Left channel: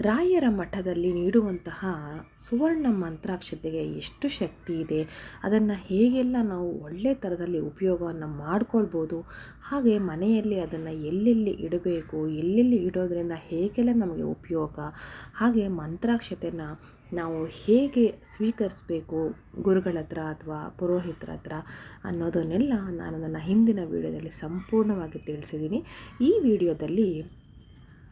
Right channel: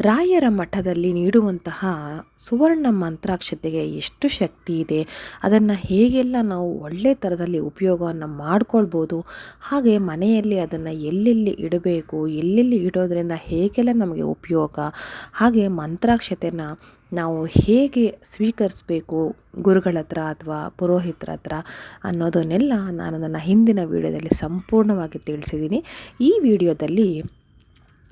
ರಾಯರ ಮಠದಲ್ಲಿ ನೀಡುವಂತಹ ಸುವರ್ಣ ಮಂತ್ರಾಕ್ಷತೆಗೆ ಎಷ್ಟು ಶಕ್ತಿ ಇದೆ, ಅದನ್ನು ಹೇಗೆಲ್ಲ ನಾವು ಒಳ್ಳೆ ಥರದಲ್ಲಿ ಉಪಯೋಗವನ್ನು ಮಾಡ್ಕೊಳ್ಬೋದು, ಹಾಗೆ ಮನೆಯಲ್ಲಿ ಅದನ್ನು ಎಲ್ಲೆಲ್ಲಿ ಇಡಬೇಕು, ಎಲ್ಲೆಲ್ಲಿ ಇಡೋದ್ರಿಂದ ಹೇಗೆಲ್ಲ ನಮಗೆ ಉಪಯೋಗ, ಹಾಗೆ ಮಂತ್ರಾಕ್ಷತೆನ ನಾವು ಹೇಗೆ ಸ್ವೀಕರಿಸಬೇಕು ಗುರುಗಳ ಹತ್ರ ಅಥವಾ ಪುರೋಹಿತರ ಹತ್ರ ಅನ್ನೋದನ್ನೆಲ್ಲ ನಾನು ನನ್ನ ಹಿಂದಿನ ವಿಡಿಯೋದಲ್ಲಿ ಸಂಪೂರ್ಣವಾಗಿ ತಿಳಿಸಿದ್ದೀನಿ. ಈ ವಿಡಿಯೋದಲ್ಲಿ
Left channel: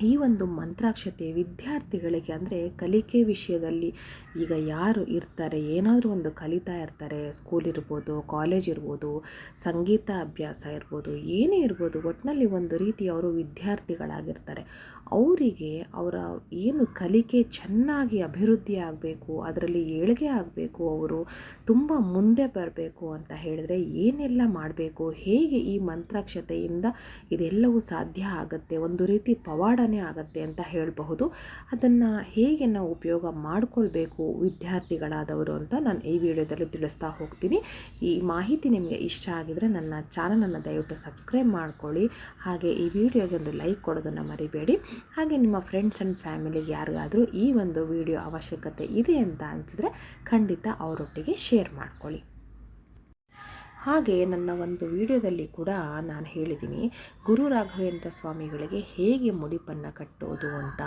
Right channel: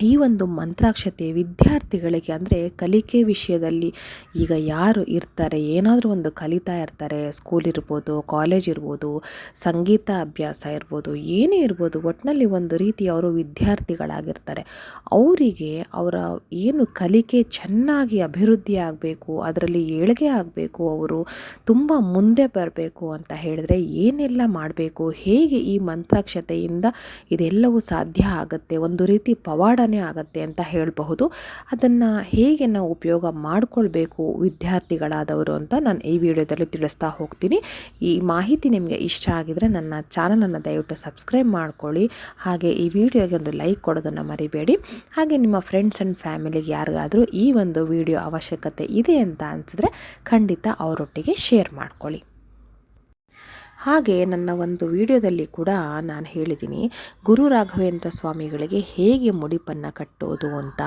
ಈ ಒಂದು ಮಂತ್ರಾಕ್ಷತೆ ವಿದ್ಯಾರ್ಥಿಗಳಿಗೆ ಅಂದರೆ ಕಲಿಕೆ ವಿಷಯದಲ್ಲಿ ಈಗ ಯಾರು ಇರ್ತಾರೆ, ಏನಾದರೂ ಒಂದು ಕಲಿತಾ ಇರ್ತಾರೆ ಸ್ಕೂಲ್ ಇರ್ಬೋದು ಕಾಲೇಜ್ ಇರ್ಬೋದು, ಸಂಗೀತ ಅಭ್ಯಾಸ ಇರ್ಬೋದು, ಏನೇ ಇರ್ಬೋದು ಒಟ್ಟಿನಲ್ಲಿ ಒಂದು ರೀತಿ ಅವರು ವಿದ್ಯಾರ್ಥಿಗಳಾಗಿರ್ತಾರೆ. ಅವರಿಗೆ ಅವರ ಏನು ಕಲಿಕೆ ಚೆನ್ನಾಗಿ ಅಭಿವೃದ್ಧಿ ಆಗಬೇಕು, ಅದರಲ್ಲಿ ಏಳಿಗೆ ಆಗಬೇಕು, ಅವರು ತುಂಬ ಮುಂದೆ ಬರಬೇಕು ಅಂತ ಹೇಳಿದ್ರೆ ಏನೆಲ್ಲ ಮಾಡಬೇಕು, ಹೇಗೆ ಈ ಮಂತ್ರಾಕ್ಷತೆಯಿಂದ ಇದೆಲ್ಲವೂ ಸಾಧ್ಯ ಆಗುತ್ತೆ, ಒಂದು ರೀತಿ ಪವಾಡ ಆಗತ್ತೆ ಅಂತ ಹೇಳಬಹುದು. ಅದನ್ನು ಹೇಗೆ ನಾವು ಉಪಯೋಗ ಮಾಡಿಕೊಳ್ಬೇಕು ವಿದ್ಯಾರ್ಥಿಗಳಾದವರು ಅಂತ ನಾನು ಈ ವಿಡಿಯೋದಲ್ಲಿ ತಿಳಿಸ್ತಾ ಹೋಗ್ತೀನಿ. ಈ ಮಾಹಿತಿ ನಿಮಗೆ ಇಷ್ಟ ಆಗಿದರೆ ನನ್ನ ಚಾನಲನ್ನು ದಯವಿಟ್ಟು ಸಬ್ಸ್ಕ್ರೈಬ್ ಮಾಡ್ಕೊಳ್ಳಿ. ಹಾಗೆ ಈ ವಿಡಿಯೋಗೆ ಒಂದು ಲೈಕ್ ಕೊಡೋದನ್ನು ಮರಿಬೇಡಿ. ಹಾಗೆ ನಿಮ್ಮ ಫ್ರೆಂಡ್ಸ್ ಆ್ಯಂಡ್ ಫ್ಯಾಮಿಲಿಗೆ ಯಾರಿಗಾದರೂ ಈ ಒಂದು ವಿಡಿಯೋ ಅವಶ್ಯಕತೆ ಇದೆ ಅಂತ ಅನಿಸಿದ್ರೆ ಖಂಡಿತ ಅವರೊಟ್ಟಿಗೆ ಶೇರ್ ಮಾಡ್ಕೊಳ್ಳಿ. ಹಾಗೆ ನನ್ನ ಒಂದು ವಿಡಿಯೋದಲ್ಲಿ ಕೂಡ ನಾನು ಹೇಳಿದ್ದೀನಿ, ಗುರು ರಾಘವೇಂದ್ರ ಸ್ವಾಮಿಗಳಿಗೆ ಹೇಗೆ ಮುಡಿಪನ್ನು ಕಟ್ಟೋದು ಅಂತ.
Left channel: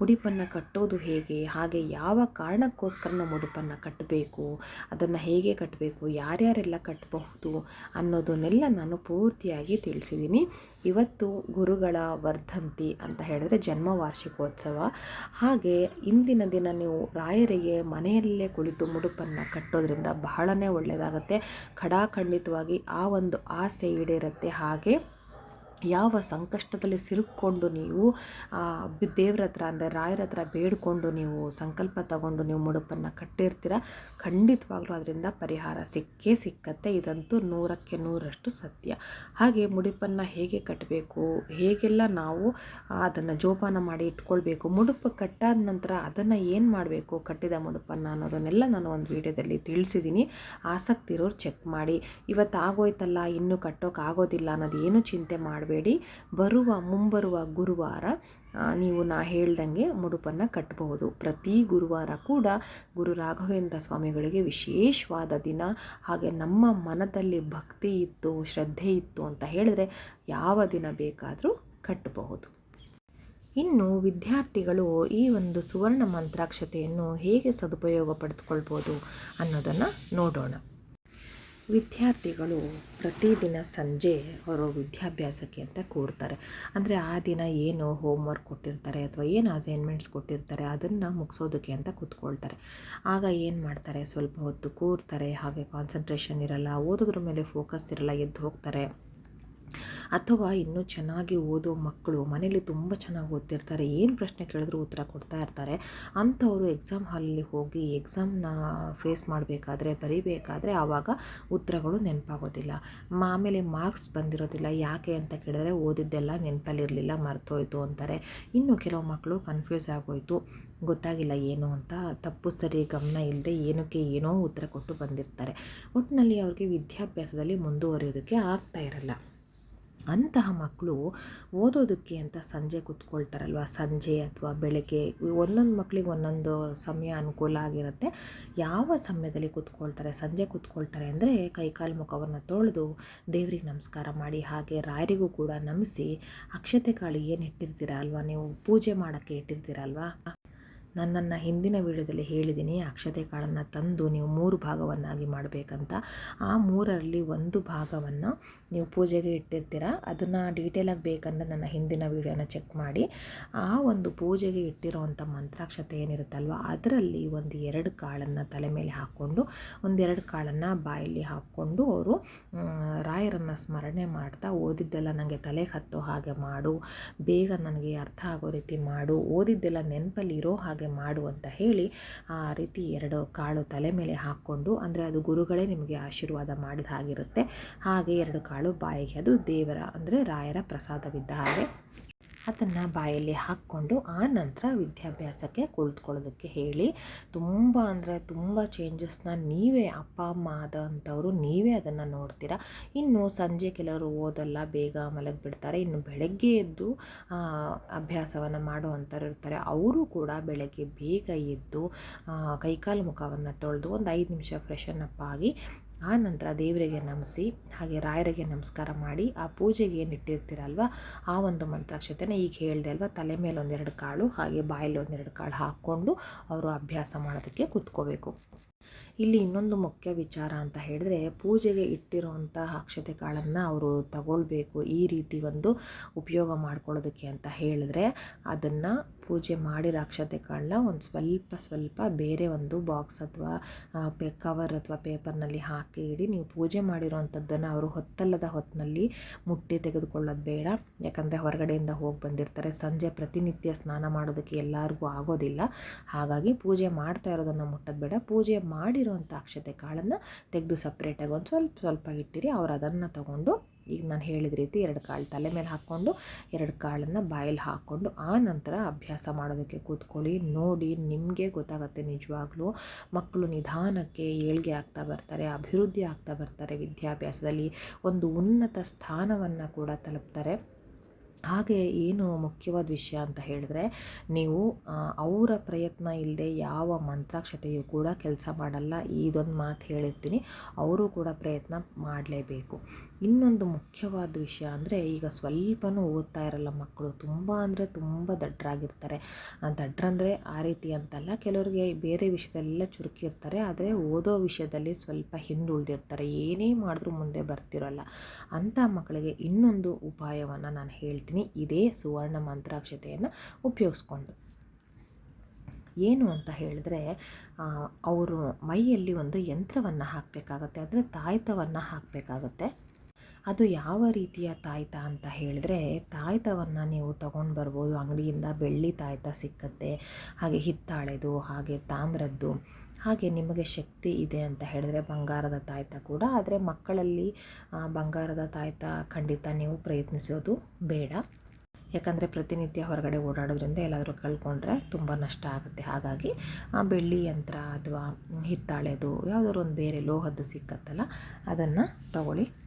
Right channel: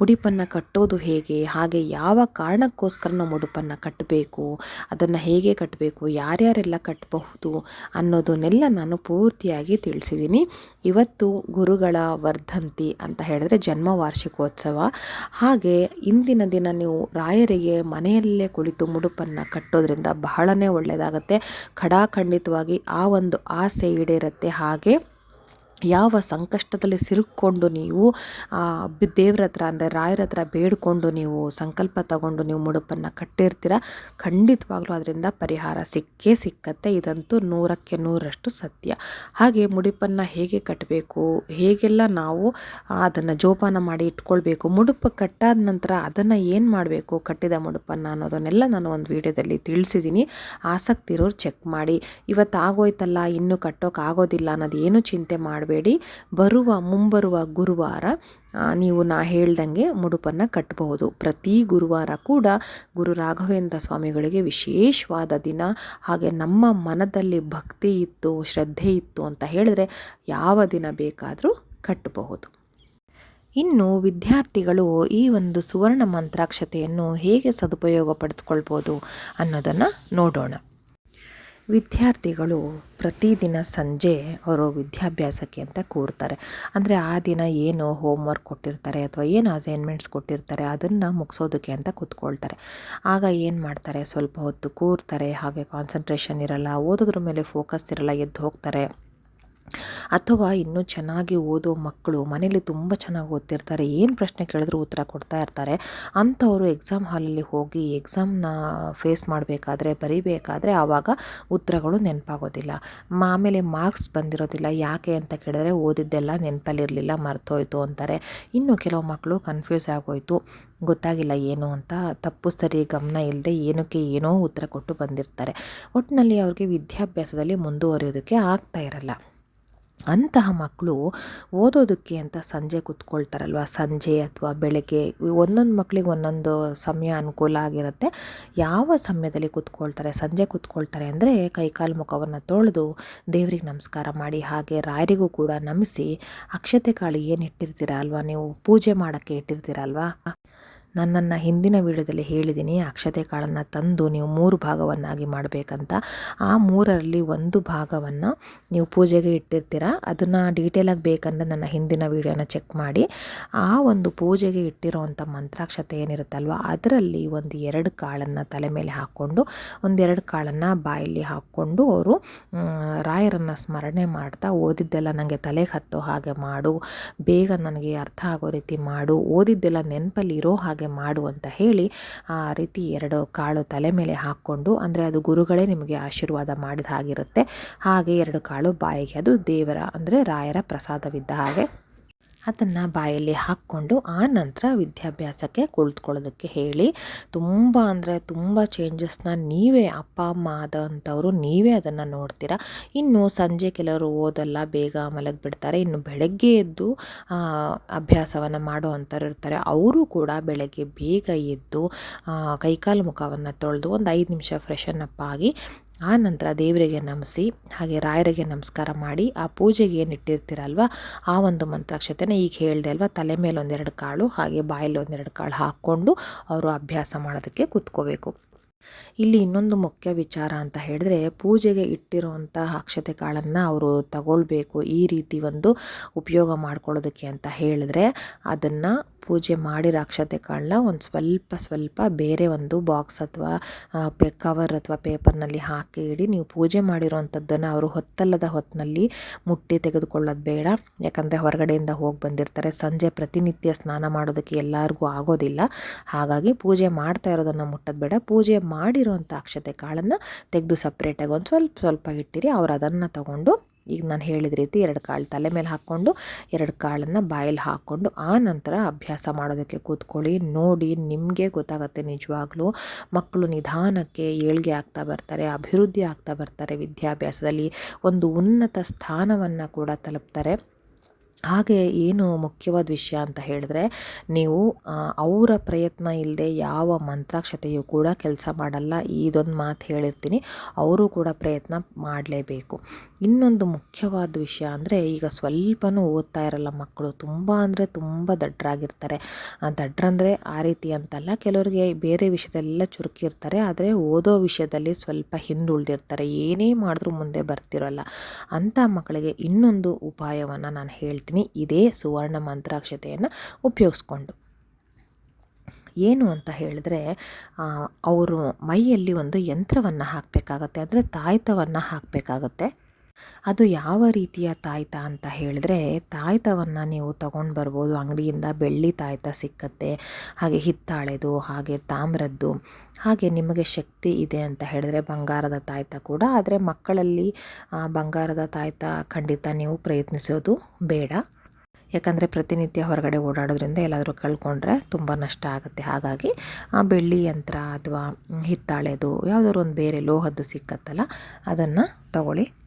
ಮುಡಿಪನ್ನು ಕಟ್ಟೋದು ಹೇಗೆ, ಹಾಗೆ ಯಾವ ಕಾರಣಕ್ಕೋಸ್ಕರ ನಾವು ಮುಡುಪನ್ನು ಕಟ್ಟಬೇಕು, ಅದನ್ನು ಹೇಗೆ ಕಟ್ಟಬೇಕು, ಯಾರ್ಯಾರೆಲ್ಲ ಕಟ್ಟಬಹುದು ಅನ್ನೋದನ್ನೆಲ್ಲ ನಾನು ಪೂರ್ತಿಯಾಗಿ ತಿಳಿಸಿದ್ದೀನಿ. ಇವತ್ತು ಗುರುಗಳ ವರ್ಧಂತಿ ಅಂತ ಹೇಳಿದ್ರೆ ಜನ್ಮ ವಾರ್ಷಿಕೋತ್ಸವ. ಹಾಗೆ ಇಂದಿನ ದಿನ ನೀವು ರಾಯರಿಗೆ ಮನೆಯಲ್ಲೇ ಕುಳಿತು ಮುಡುಪನ್ನು ಕಟ್ಟೋದ್ರಿಂದ ಬಹಳನೇ ಒಳ್ಳೆಯದಾಗತ್ತೆ ಖಡಾಖಂಡಿತವಾಗಿ ಆ ಒಂದು ಆಸೆ ಈಡೇರುತ್ತೆ. ಹಾಗೆ ಯಾವ ಸಂಕಷ್ಟದಲ್ಲಿ ಸಿರುಕ್ಕೊಂಡು ನೀವು ದೇವ್ರ ಹತ್ರ ಅಂದರೆ ರಾಯರ ಹತ್ರ ಬೇಡಿಕೊಂಡು ನೀವು ಸಂಕಲ್ಪ ತಗೊಂಡು ನೀವು ಮುಡುಪನ್ನು ಕಟ್ಟಿರ್ತೀರ? ಖಂಡಿತವಾಗ್ಲೂ ಅದರಿಂದ ಪರಿಹಾರ ಸಿಕ್ಕೇ ಸಿಕ್ಕತ್ತೆ. ಇದಂತೂ ನೂರಕ್ಕೆ ನೂರಷ್ಟು ಸತ್ಯ. ಹಾಗೆ ಮುಡುಪನ್ನು ಹೇಗೆ ಕಟ್ಟಬೇಕು ಹೇಗೆಲ್ಲ ನಾವು ಅದನ್ನು ಜೋಪಾನ ಮಾಡಿ ಇಟ್ಕೊಳ್ಬೇಕು? ಮುಡುಪು ಕಟ್ಟಾದ ನಂತರ ಅದನ್ನು ಏನು ಮಾಡಬೇಕು? ಕಟ್ಟಿದ ಮುಡುಪನ್ನು ಅನ್ನೋದನ್ನೆಲ್ಲ ನಾನು ಒಂದು ವಿಡಿಯೋದಲ್ಲಿ ತಿಳಿಸಿದ್ದೀನಿ. ಆಸಕ್ತಿ ಇರೋರು ಚೆಕ್ ಮಾಡಿ. ಇವತ್ತು ಆಗೋಯ್ತಲ್ಲ ಇನ್ನೂ ಕಟ್ಟೋಕೆ ಆಗೋದಿಲ್ಲ ಅನ್ನೋದು ಏನು ಚಿಂತೆ ಮಾಡಬೇಡಿ. ಬರುವ, ಮುಂಬರುವ ಗುರುವಾರ ನೀವು ನಾ ಹೇಳ್ದಂಗೆ ಮುಡುಪನ್ನು ಕಟ್ಟಬಹುದು ಪ್ರತಿ ಗುರುವಾರ ಕೂಡ ಗುರು ರಾಘವೇಂದ್ರ ಸ್ವಾಮಿಗಳಿಗೆ ವಿಶೇಷವಾದ ದಿನ. ಹಾಗೆ ನಮ್ಮ ಮನದಲ್ಲಿ ಭಕ್ತಿ ಇತ್ತು, ಶ್ರದ್ಧೆ ಇತ್ತು ಅಂತ ಹೇಳಿದ್ರೆ ಯಾವ ದಿನ ಬೇಕಾದರೂ ಕಟ್ಟಬಹುದು. ಇನ್ನು ವಿದ್ಯಾರ್ಥಿಗಳು ಈ ಒಂದು ಸುವರ್ಣ ಮಂತ್ರಾಕ್ಷತೆಯನ್ನು ಹೇಗೆ ಸದುಪಯೋಗ ಪಡಿಸ್ಕೊಳ್ಬೋದು ಅನ್ನೋದನ್ನು ನೋಡೋಣ. ವಿದ್ಯಾರ್ಥಿಗಳು ಪ್ರತಿದಿನ ಸಂಜೆ ಅವರು ವಿದ್ಯಾಭ್ಯಾಸಕ್ಕೆ ಅಂತ ಕೂರ್ತಾರೆ. ಅಂದರೆ ಆ ದಿನ ಏನು ಹೋಮ್ವರ್ಕ್ ಕೊಟ್ಟಿರ್ತಾರೆ ಅಥವಾ ಏನು ಅಸೈನ್ಮೆಂಟ್ಸ್ ಕೊಟ್ಟಿರ್ತಾರೆ ಅದನ್ನು ಮುಗಿಸೋದಕ್ಕೆ ಅಂತ ಕೂತ್ಕೊಳ್ತಾರೆ. ಆಗ ಏನು ಮಾಡ್ತಾರೆ? ಸ್ವಲ್ಪ ಹೊತ್ತು ಕೂರ್ತಾರೆ, ಹಾಗೆ ಕಾನ್ಸಂಟ್ರೇಷನ್ ಇರಲ್ಲ, ಓದೋದ್ರ ಮೇಲೆ ಫೋಕಸ್ ಇರಲ್ಲ, ಎದ್ದು ಹೋಗ್ತಾರೆ. ಅಥವಾ ಇನ್ನೂ ಚೆನ್ನಾಗಿ ಓದೋ ಮಕ್ಕಳು ಮನೇಲಿ ತುಂಬ ಚೆನ್ನಾಗಿ ಓದ್ತಿರ್ತಾರೆ, ಏನು ಪ್ರಶ್ನೆ ಕೇಳಿದ್ರು ಉತ್ತರ ಕೊಡ್ತಾ ಇರ್ತಾರೆ, ಅಂಥವರು ಎಕ್ಸಾಮ್ ಹಾಲಲ್ಲಿ ಹೋಗಿ ಎಕ್ಸಾಮ್ನ ಫೇಸ್ ಮಾಡಬೇಕಾದ್ರೆ, ಬರೀಬೇಕಾದ್ರೆ ಆವಾಗ ಉತ್ತರಗಳು ನೆನಪಾಗೋದಿಲ್ಲ. ಆಮೇಲೆ ಮಾರ್ಕ್ಸ್ ಬಂದಿರೋದಿಲ್ಲ, ಯಾಕೆ ಅಂತ ಕೇಳಿದ್ರೆ ಓದಿದ್ದೆಲ್ಲ ನೆನಪಲ್ಲಿರಲಿಲ್ಲ, ಮರ್ತೋಯ್ತು ಅಂತಾರೆ. ಇನ್ನು ಕೆಲವು ಮಕ್ಕಳು ಕನ್ಫ್ಯೂಸ್ ಆಗೋಯ್ತು, ಗೊತ್ತಾಗಿಲ್ಲ ಏನು ಅಂತ, ತಪ್ಪು ಸರಿ ಗಮನ ಇಲ್ಲದೆ ಏನಕ್ಕೆ ಏನೋ ಉತ್ತರ ಕೊಟ್ಟು ಬಂದಿರ್ತಾರೆ. ಒಟ್ಟಿನಲ್ಲಿ ಅವ್ರಿಗೆ ವಿದ್ಯಾಭ್ಯಾಸದಲ್ಲಿ ಮುಂದುವರಿಯೋದಕ್ಕೆ ಆಗ್ತಾ ಇರಲ್ಲ. ಅಂತಹ ಮಕ್ಕಳು ಓದೋದಕ್ಕೆ ಅಂತ ಸಂಜೆ ಕೂತ್ಕೊಳ್ತಾರಲ್ವ? ಸಂಜೆ ಅಥವಾ ಬೆಳಗ್ಗೆ ಒಂದೊಂದು ಮಕ್ಕಳಿಗೆ ಒಂದೊಂದು ಸಮಯ ಅನುಕೂಲ ಆಗಿರುತ್ತೆ. ಯಾವ ಸಮಯದಲ್ಲಿ ಕೂತ್ಕೊಳ್ತಾರೆ? ಸಂಜೆ ಕೂತ್ಕೊಳ್ತಾರೆ ಅಂದರೆ ಕೈಕಾಲು ಮುಖವನ್ನು ತೊಳೆದು ದೇವ್ರಿಗೆ ನಮಸ್ಕಾರ ಮಾಡಿ, ಹಾಗೆ ರಾಯರಿಗೂ ಕೂಡ ನಮಿಸಿ ಅಕ್ಷತೆ ಕಾಳು ಏನು ಇಟ್ಟಿರ್ತೀರ ಅಲ್ವಾ? ನೀವು ಪೂಜೆ ಮಾಡೋಕ್ಕೆ ಇಟ್ಟಿರ್ತೀರ ನನ್ನನ್ನು ಹಿಂದಿನ ವೀಡಿಯೋದಲ್ಲಿ ಹೇಳಿದ್ದೀನಿ ಅಕ್ಷತೆ ಕಾಳನ್ನು ತಂದು ನೀವು ಮೂರು ಭಾಗವನ್ನಾಗಿ ಮಾಡಬೇಕಂತ. ಆ ಮೂರರಲ್ಲಿ ಒಂದು ಭಾಗವನ್ನು ನೀವು ಪೂಜೆಗೆ ಇಟ್ಟಿರ್ತೀರ, ಅದನ್ನು ಡೀಟೇಲಾಗಿ ಬೇಕಂದ್ರೆ ನನ್ನ ಹಿಂದಿನ ವೀಡಿಯೋನ ಚೆಕ್ ಮಾಡಿ. ಆ ಒಂದು ಪೂಜೆಗೆ ಇಟ್ಟಿರೋವಂಥ ಮಂತ್ರಾಕ್ಷತೆ ಏನಿರುತ್ತಲ್ವ, ಅದರಲ್ಲಿ ಒಂದು ಎರಡು ಕಾಳನ್ನು ತಲೆ ಮೇಲೆ ಹಾಕ್ಕೊಂಡು ಒಂದೆರಡು ಕಾಳನ್ನು ಬಾಯಲ್ಲಿ ಹಾಕ್ಕೊಂಡು ಅವರು ರಾಯರನ್ನು ಸ್ಮರಣೆ ಮಾಡ್ತಾ ಓದಿದ್ದೆಲ್ಲ ನನಗೆ ತಲೆಗೆ ಹತ್ತೋ ಹಾಗೆ ಮಾಡು, ಬೇಗ ನನಗೆ ಅರ್ಥ ಆಗೋ ರೀತಿ ಮಾಡು, ಓದಿದ್ದೆಲ್ಲ ನೆನಪಲ್ಲಿ ಇರೋ ಹಾಗೆ ಮಾಡು ಅಂತ ಹೇಳಿ ಆ ರೀತಿ ಎರಡು ಕಾಳು ತಲೆ ಮೇಲೆ ಹಾಕ್ಕೊಂಡು, ಅಂದರೆ ಅದು ಗುರುಗಳೇ ನಿಮಗೆ ಆಶೀರ್ವಾದ ಮಾಡಿದ ಹಾಗಿರುತ್ತೆ. ಹಾಗೆ ಎರಡು ಕಾಳು ಬಾಯಿಗೆ, ಅದು ದೇವರ, ಅಂದರೆ ರಾಯರ ಪ್ರಸಾದವಿದ್ದ ಹಾಗೆ. ಅದನ್ನು ಬಾಯಲ್ಲಿ ಹಾಕ್ಕೊಂಡು ಆ ನಂತರ ವಿದ್ಯಾಭ್ಯಾಸಕ್ಕೆ ಕುಳಿತುಕೊಳ್ಳೋದಕ್ಕೆ ಹೇಳಿ. ತುಂಬ ಅಂದರೆ ತುಂಬ ಚೇಂಜಸ್ನ ನೀವೇ ಅಪ್ಪ, ಅಮ್ಮ ಆದಂಥವರು ನೀವೇ ಅದನ್ನು ನೋಡ್ತೀರಾ? ಇನ್ನು ಸಂಜೆ ಕೆಲವರು ಓದಲ್ಲ, ಬೇಗ ಮಲಗಿಬಿಡ್ತಾರೆ. ಇನ್ನು ಬೆಳಗ್ಗೆ ಎದ್ದು ಅಭ್ಯಾಸವನ್ನು ಮಾಡುವಂಥವ್ರು ಇರ್ತಾರೆ. ಅವರು ಕೂಡ ಬೆಳಗ್ಗೆ ಬೇಗ ಎದ್ದು ಕೈಕಾಲು ಮುಖವನ್ನು ತೊಳೆದು ಒಂದು ಐದು ನಿಮಿಷ ಫ್ರೆಶನ್ ಅಪ್ ಆಗಿ ಆ ನಂತರ ದೇವರಿಗೆ ನಮಿಸಿ ಹಾಗೆ ರಾಯರಿಗೆ ನಮಸ್ಕಾರ ಮಾಡಿ ಆ ಪೂಜೆಗೆ ಏನು ಇಟ್ಟಿರ್ತೀರಲ್ವ, ಆ ಒಂದು ಮಂತ್ರಾಕ್ಷತೆನ ಈಗ ಹೇಳಿದೆ ಅಲ್ವಾ, ತಲೆ ಮೇಲೆ ಒಂದೆರಡು ಕಾಳು, ಹಾಗೆ ಬಾಯಲ್ಲಿ ಒಂದೆರಡು ಕಾಳು ಹಾಕ್ಕೊಂಡು ಅವರು ಅಭ್ಯಾಸ ಮಾಡೋದಕ್ಕೆ ಕೂತ್ಕೋಬೇಕು. ಇಲ್ಲಿ ಇನ್ನೊಂದು ಮುಖ್ಯ ವಿಚಾರ ಅಂತ ಹೇಳಿದ್ರೆ, ಪೂಜೆಗೆ ಇಟ್ಟಿರುವಂಥ ಅಕ್ಷತೆ ಕಾಳನ್ನು ಅವರು ತಗೊಳ್ಬೇಕು ಈ ರೀತಿ ಒಂದು ಉಪಯೋಗ ಮಾಡ್ಕೊಳ್ಳೋದಕ್ಕೆ ಅಂತ ಹೇಳಿದ್ರೆ, ಅದನ್ನು ಪೂಜೆ ಮಾಡಿ ರಾಕ್ಷತೆ ಕಾಳನ್ನ ಒಂದು ಸ್ವಲ್ಪ ಸ್ವಲ್ಪ ಬೇರೆ ಒಂದು ಬಾಕ್ಸ್ ಅಥವಾ ಪೇ, ಕವರ್ ಅಥವಾ ಪೇಪರ್ನಲ್ಲಿ ಹಾಕಿ ಇಡಿ ನೀವು ಪೂಜೆ ಮಾಡಿರೋವಂಥದ್ದನ್ನು ಅವರು ಹೊತ್ತಲ್ಲದ ಹೊತ್ತಿನಲ್ಲಿ ಮುಟ್ಟಿ ತೆಗೆದುಕೊಳ್ಳೋದು ಬೇಡ. ಯಾಕಂದರೆ ಹೊರಗಡೆಯಿಂದ ಹೋಗಿ ಬಂದಿರ್ತಾರೆ. ಸಂಜೆ ಪ್ರತಿನಿತ್ಯ ಸ್ನಾನ ಮಾಡೋದಕ್ಕೆ ಎಲ್ಲರಿಗೂ ಆಗೋದಿಲ್ಲ. ಹಾಗಾಗಿ ಪೂಜೆ ಮಾಡ್ತಾ ಇರೋದನ್ನು ಮುಟ್ಟೋದು ಬೇಡ. ಪೂಜೆ ಮಾಡಿರೋವಂಥ ಅಕ್ಷತೆ ಕಾಳನ್ನು ತೆಗೆದು ಸಪ್ರೇಟಾಗಿ ಒಂದು ಸ್ವಲ್ಪ ಸ್ವಲ್ಪ ಇಟ್ಟಿರಿ. ಅವ್ರು ಅದನ್ನು ತಗೊಂಡು ಈಗ ನಾನು ಹೇಳಿದ ರೀತಿ ಎರಡು ಕಾಳು ತಲೆ ಮೇಲೆ ಹಾಕ್ಕೊಂಡು, ಎರಡು ಕಾಳನ್ನು ಬಾಯಲ್ಲಿ ಹಾಕ್ಕೊಂಡು, ಆ ನಂತರ ಅಭ್ಯಾಸ ಮಾಡೋದಕ್ಕೆ ಕೂತ್ಕೊಳ್ಳಿ. ನೋಡಿ ನಿಮಗೆ ಗೊತ್ತಾಗುತ್ತೆ ನಿಜವಾಗ್ಲೂ ಮಕ್ಕಳು ನಿಧಾನಕ್ಕೆ ಏಳಿಗೆ ಆಗ್ತಾ ಬರ್ತಾರೆ, ಅಭಿವೃದ್ಧಿ ಆಗ್ತಾ ಬರ್ತಾರೆ ವಿದ್ಯಾಭ್ಯಾಸದಲ್ಲಿ. ಒಂದು ಉನ್ನತ ಸ್ಥಾನವನ್ನು ಕೂಡ ತಲುಪ್ತಾರೆ. ಹಾಗೆ ಏನು ಮುಖ್ಯವಾದ ವಿಷಯ ಅಂತ ಹೇಳಿದ್ರೆ, ನೀವು ಅವರ ಪ್ರಯತ್ನ ಇಲ್ಲದೆ ಯಾವ ಮಂತ್ರಾಕ್ಷತೆಯು ಕೂಡ ಕೆಲಸ ಮಾಡಲ್ಲ. ಇದೊಂದು ಮಾತು ಹೇಳಿರ್ತೀನಿ. ಅವರು ಕೂಡ ಪ್ರಯತ್ನ ಮಾಡಲೇಬೇಕು. ಇನ್ನೊಂದು ಮುಖ್ಯವಾದ ವಿಷಯ ಅಂದರೆ ಈಗ ಸ್ವಲ್ಪನೂ ಓದ್ತಾ ಇರಲ್ಲ ಮಕ್ಕಳು. ತುಂಬ ಅಂದರೆ ತುಂಬ ದಡ್ಡರಾಗಿರ್ತಾರೆ ದಡ್ಡ್ರಂದರೆ ಆ ರೀತಿ ಅಂತಲ್ಲ, ಕೆಲವರಿಗೆ ಬೇರೆ ವಿಷಯದಲ್ಲೆಲ್ಲ ಚುರುಕಿರ್ತಾರೆ. ಆದರೆ ಓದೋ ವಿಷಯದಲ್ಲಿ ಸ್ವಲ್ಪ ಹಿಂದುಳಿದಿರ್ತಾರೆ. ಏನೇ ಮಾಡಿದ್ರೂ ಮುಂದೆ ಬರ್ತಿರೋಲ್ಲ. ಅಂಥ ಮಕ್ಕಳಿಗೆ ಇನ್ನೊಂದು ಉಪಾಯವನ್ನು ನಾನು ಹೇಳ್ತೀನಿ. ಇದೇ ಸುವರ್ಣ ಮಂತ್ರಾಕ್ಷತೆಯನ್ನು ಉಪಯೋಗಿಸ್ಕೊಂಡು. ಏನು ಅಂತ ಹೇಳಿದ್ರೆ ಅವರು ಮೈಯಲ್ಲಿ ಒಂದು ಯಂತ್ರವನ್ನು ಹಾಕಬೇಕಾಗತ್ತೆ. ಅಂದರೆ ತಾಯ್ತವನ್ನು ಹಾಕಬೇಕಾಗತ್ತೆ. ಅದು ಯಾವ ರೀತಿಯ ತಾಯ್ತ ಅಂತ ಹೇಳಿದ್ರೆ, ತಾಯ್ತವನ್ನು ನೀವು ತಗೊಂಡು ಬರ್ಬೋದು. ಅಂಗಡಿಯಿಂದ ಬೆಳ್ಳಿ ತಾಯ್ತ ಸಿಕ್ಕತ್ತೆ, ಹಾಗೆ ಹಿತ್ತಾಳೆದು, ಹಾಗೆ ತಾಮ್ರದ್ದು, ಹಾಗೆ ನಿಮಗೆ ಶಕ್ತಿ ಇದೆ ಅಂತ ಹೇಳಿದ್ರೆ ಬಂಗಾರದ ತಾಯ್ತ ಕೂಡ. ಆದರೆ ಮಕ್ಕಳಲ್ಲಿ ಬಂಗಾರದ ತಾಯ್ತ ಖಂಡಿತ ನೀವು ಪ್ರಯತ್ನಿಸೋದು ಬೇಡ. ಯಾಕಂದರೆ ಪ್ರತಿನಿತ್ಯ ಹೊರಗಡೆ ಓಡಾಡೋದ್ರಿಂದ ಎಲ್ಲಾದರೂ ಕಳ್ಕೊಂಡ್ರೆ ತುಂಬ ನಷ್ಟ ಆಗುತ್ತೆ. ಹಾಗಾಗಿ, ಆ, ಬೆಳ್ಳಿ ಯಂತ್ರ ಅಥವಾ ಹಿತ್ತಾಳೆದು, ಯಾವುದಾದ್ರು ಒಂದು ಬೇರೆ ಲೋಹದ್ದು ಸಿಕ್ಕತ್ತಲ್ಲ, ಅದನ್ನು ತಗೊಳ್ಳಿ.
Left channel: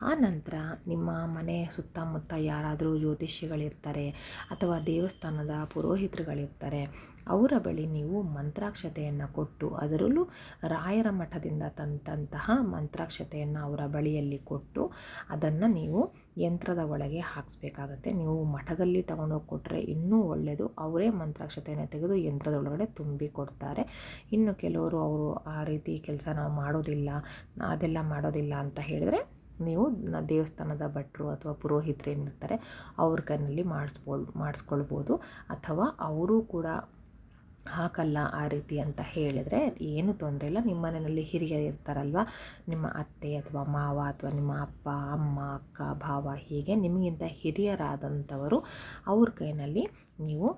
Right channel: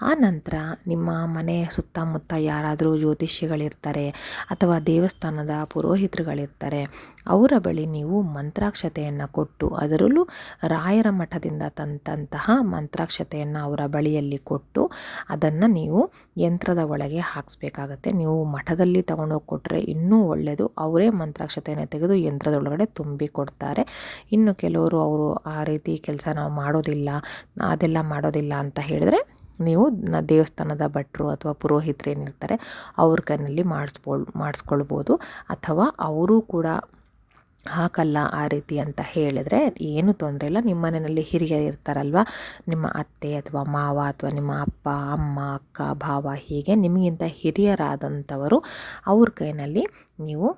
ಆ ನಂತರ ನಿಮ್ಮ ಮನೆಯ ಸುತ್ತಮುತ್ತ ಯಾರಾದರೂ ಜ್ಯೋತಿಷಿಗಳಿರ್ತಾರೆ ಅಥವಾ ದೇವಸ್ಥಾನದ ಪುರೋಹಿತರುಗಳಿರ್ತಾರೆ, ಅವರ ಬಳಿ ನೀವು ಮಂತ್ರಾಕ್ಷತೆಯನ್ನು ಕೊಟ್ಟು ಅದರಲ್ಲೂ ರಾಯರ ಮಠದಿಂದ ತಂದಂತಹ ಮಂತ್ರಾಕ್ಷತೆಯನ್ನು ಅವರ ಬಳಿಯಲ್ಲಿ ಕೊಟ್ಟು ಅದನ್ನು ನೀವು ಯಂತ್ರದ ಒಳಗೆ ಹಾಕಿಸ್ಬೇಕಾಗತ್ತೆ. ನೀವು ಮಠದಲ್ಲಿ ತಗೊಂಡೋಗಿ ಕೊಟ್ಟರೆ ಇನ್ನೂ ಒಳ್ಳೆಯದು ಅವರೇ ಮಂತ್ರಾಕ್ಷತೆಯನ್ನು ತೆಗೆದು ಯಂತ್ರದೊಳಗಡೆ ತುಂಬಿ ಕೊಡ್ತಾರೆ. ಇನ್ನು ಕೆಲವರು ಅವರು ಆ ರೀತಿ ಕೆಲಸ ನಾವು ಮಾಡೋದಿಲ್ಲ, ಅದೆಲ್ಲ ಮಾಡೋದಿಲ್ಲ ಅಂತ ಹೇಳಿದ್ರೆ ನೀವು ದೇವಸ್ಥಾನದ ಭಟ್ರು ಅಥವಾ ಪುರೋಹಿತರು ಏನಿರ್ತಾರೆ ಅವ್ರ ಕೈನಲ್ಲಿ ಮಾಡಿಸ್ಕೊಳ್ ಮಾಡಿಸ್ಕೊಳ್ಬೋದು. ಅಥವಾ ಅವರು ಕೂಡ ಹಾಕಲ್ಲ ಆ ರೀತಿ ಅಂತ ಹೇಳಿದರೆ ಏನು ತೊಂದರೆ ಇಲ್ಲ. ನಿಮ್ಮ ಮನೆಯಲ್ಲಿ ಹಿರಿಯರು ಇರ್ತಾರಲ್ವ? ನಿಮ್ಮ ಅತ್ತೆ ಅಥವಾ ಮಾವ ಅಥವಾ ನಿಮ್ಮ ಅಪ್ಪ, ಅಮ್ಮ, ಅಕ್ಕ, ಭಾವ ಹೀಗೆ ನಿಮಗಿಂತ ಹಿರಿಯರಾದಂಥವರು ಅವ್ರ ಕೈನಲ್ಲಿ ನೀವು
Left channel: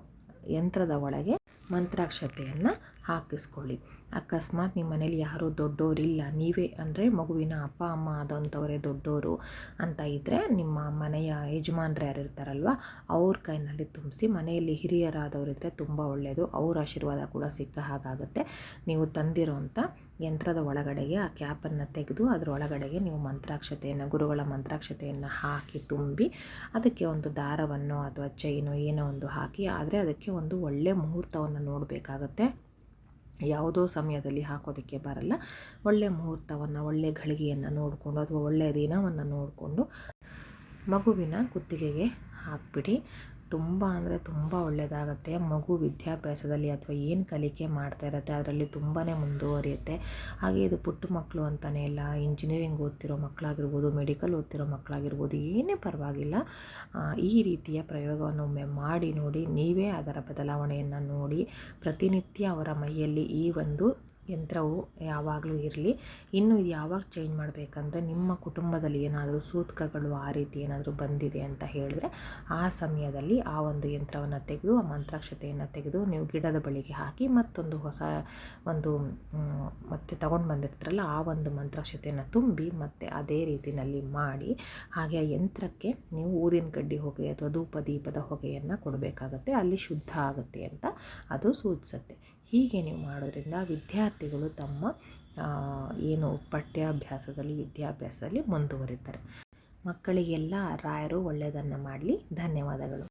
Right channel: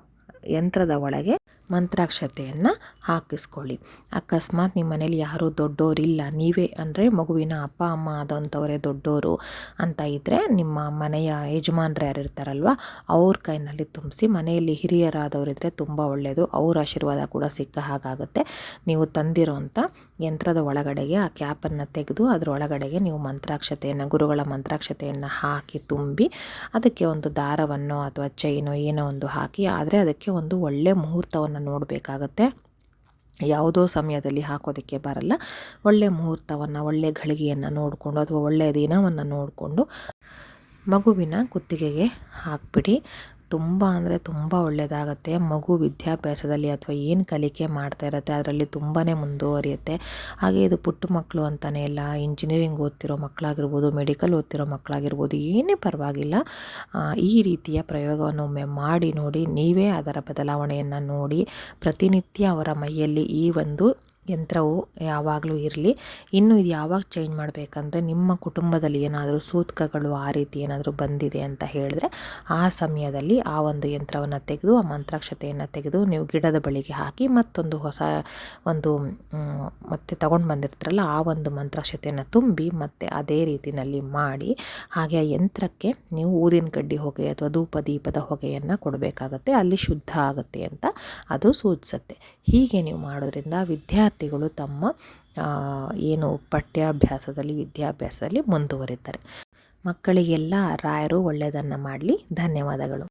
ಯಂತ್ರದ ಒಳಗೆ ಮಂತ್ರಾಕ್ಷತೆಯನ್ನು ಹಾಕಿಸ್ಕೊಳ್ಳಿ. ಅಕಸ್ಮಾತ್ ನಿಮ್ಮ ಮನೇಲಿ ಯಾರೂ ದೊಡ್ಡೋರಿಲ್ಲ. ನೀವೇ ಅಂದರೆ ಮಗುವಿನ ಅಪ್ಪ, ಅಮ್ಮ ಆದಂಥವರೇ ದೊಡ್ಡವರು ಅಂತ ಇದ್ದರೆ ನಿಮ್ಮ ಮನೆಯ ಯಜಮಾನ್ರು ಯಾರು ಇರ್ತಾರಲ್ವ, ಅವ್ರ ಕೈನಲ್ಲಿ ತುಂಬಿಸಿ ಮನೆಯಲ್ಲಿ ಹಿರಿಯರಾದವರಿದ್ದರೆ ತುಂಬ ಒಳ್ಳೆಯದು ಅವ್ರ ಆಶೀರ್ವಾದ ಕೂಡ ಸಿಕ್ಕ ಹಾಗಾಗುತ್ತೆ. ನೀವು ತಂದಿರೋಂಥ ಯಂತ್ರದ ಒಳಗಡೆಗೆ ಆ ಕ್ಯಾಪನ್ನು ತೆಗೆದು ಅದರ ಒಳಗಡೆಗೆ ನೀವು ಮಂತ್ರಾಕ್ಷತೆಯನ್ನು, ಗುರುಗಳ ಮಂತ್ರಾಕ್ಷತೆಯನ್ನು ಹಾಕಿ ತುಂಬಿ ಅದಕ್ಕೆ ಒಂದು ದಾರವನ್ನು ಅಥವಾ ಚೈನೋ ಏನೋ ಒಂದು ಹಾಕಿ, ಆದರೆ ಅದಕ್ಕೆ ಒಂದು ಒಳ್ಳೆಯ ಮುಹೂರ್ತವನ್ನು ನೋಡಬೇಕಾಗತ್ತೆ. ಯಾವುದೋ ಸಮಯದಲ್ಲಿ ಹಾಕೋದಕ್ಕೆ ಬರಲ್ಲ. ಒಳ್ಳೆಯ ಮುಹೂರ್ತವನ್ನು ಒಳ್ಳೆಯ ಘಳಿಗೆಯನ್ನು ನೋಡಿಕೊಂಡು ಅಥವಾ ಒಳ್ಳೆಯ ದಿನವನ್ನು ನೋಡಿಕೊಂಡು ಮಗುವಿನ ಕುತ್ತಿಗೆಗೆ ಹಾಕ್ಬಿಡಿ. ತುಂಬ ಅಂದರೆ ತುಂಬ ಒಳ್ಳೆಯದಾಗತ್ತೆ ಮಗು ವಿದ್ಯಾಭ್ಯಾಸದಲ್ಲಿ ಅಥವಾ ಏನು ಕಲಿಕೆ ಮಾಡ್ತಾ ಇರತ್ತೆ ಅದರಲ್ಲಿ ತುಂಬಾ ಮುಂದುವರಿಯುತ್ತೆ. ಹಾಗೆ ಇದು ಪುಟ್ಟ ಮಕ್ಕಳು ಅಂತಲೇ ಇಲ್ಲ ಇಂಜಿನಿಯರಿಂಗ್ ಓದ್ತಿರೋ ಮಕ್ಕಳಾಗಿರ್ಬೋದು ಮೆಡಿಕಲ್ ಓದ್ತಿರೋ ಮಕ್ಕಳಾಗಿರ್ಬೋದು ಏನೇ ಪರವಾಗಿಲ್ಲ ಈ ರೀತಿಯ ಪ್ರಯೋಗವನ್ನು ಒಮ್ಮೆ ಮಾಡಿ ನೋಡಿ, ನೀವೇ ಅದರ ಬದಲಾವಣೆಯನ್ನು ನೋಡಿ, ಪ್ರತಿನಿತ್ಯ ಅವರ ಮೈಯಲ್ಲಿ ಈ ಒಂದು ಯಂತ್ರವು ಯಾವಾಗಲೂ ಇರಲಿ. ಇನ್ನು ಇದು ಯಾವಾಗ ಚೇಂಜ್ ಮಾಡಬೇಕಂದ್ರೆ ನಿಮ್ಮ ಕುಟುಂಬದಲ್ಲಿ ಏನಾದರೂ ಸೂತಕಗಳು ಆ ರೀತಿ ಏನಾದರೂ ಬಂದಿದೆ ಅಂತ ಹೇಳಿದ್ರೆ ಆ ಸಮಯದಲ್ಲಿ ಆ ಒಂದು ಯಂತ್ರವನ್ನು ತೆಗೆದು, ಆ ಮಂತ್ರಾಕ್ಷತೆಯನ್ನು ತೆಗೆದು ನೀವು ಗಿಡದ ಬಳಿಗೆ ಹಾಕಿ ಮತ್ತೊಂದು ಹೊಸ ಒಂದು ಮತ್ತೆ ತಗೊಂಡು ಬಂದಿರ್ತೀರಲ್ಲ ಆ ಒಂದು ಮಂತ್ರಾಕ್ಷತೆಯನ್ನು ತುಂಬಿ ಮತ್ತೆ ಅದೇ ರೀತಿಯಲ್ಲಿ ಮಾಡಿ ಹಾಗೆ ಆ ಯಂತ್ರಕ್ಕೆ ನೀವು ಊದಿನ ಕಡ್ಡಿ ಹೊಗೆ ಅಥವಾ ಧೂಪ ದೀಪದ ಹೊಗೆಯನ್ನು ಕೊಡಬೇಕಾಗತ್ತೆ. ಅಲ್ಲಿ ಶುದ್ಧ ಆಗುತ್ತೆ ಅಂತ ಅದು ಸೂಚಿಸುತ್ತೆ. ಹೀಗೆ ನೀವು ಮಾಡೋದ್ರಿಂದ ವಿದ್ಯಾರ್ಥಿಗಳು ತಮ್ಮ ಏನು ಪಠ್ಯಾಭ್ಯಾಸದಲ್ಲಿ ವಿದ್ಯಾಭ್ಯಾಸದಲ್ಲಿ ಮುಂದುವರಿತಾರೆ. ಮಕ್ಕಳಿಗೆಲ್ಲ ರಾಯರು ಒಳ್ಳೆಯದನ್ನು ಮಾಡಲಿ. ಧನ್ಯವಾದಗಳು.